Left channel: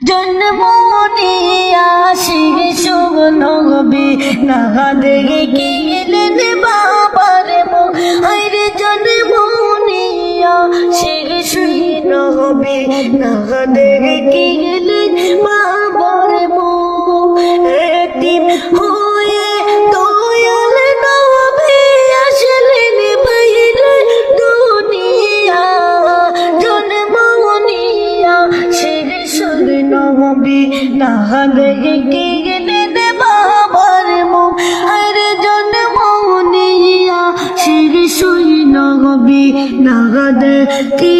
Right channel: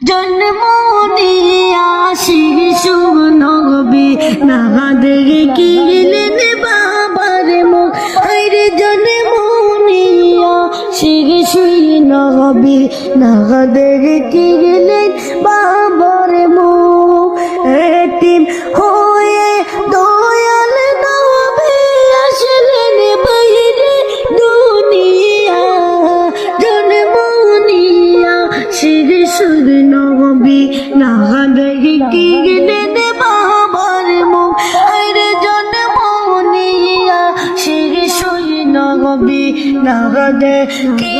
জন্ম নিয়া শিশু নবী না দেখে গেলেন বাবার মুখ। আরে জন্ম নিয়া শিশু নবী না দেখে গেলেন বাবার মুখ। এতিম হয়ে দয়াল নবী আসলেন বাইরে দুনিয়া। জন্ম নিয়া শিশু নবী না দেখে গেলেন বাবার মুখ। আরে জন্ম নিয়া শিশু নবী না দেখে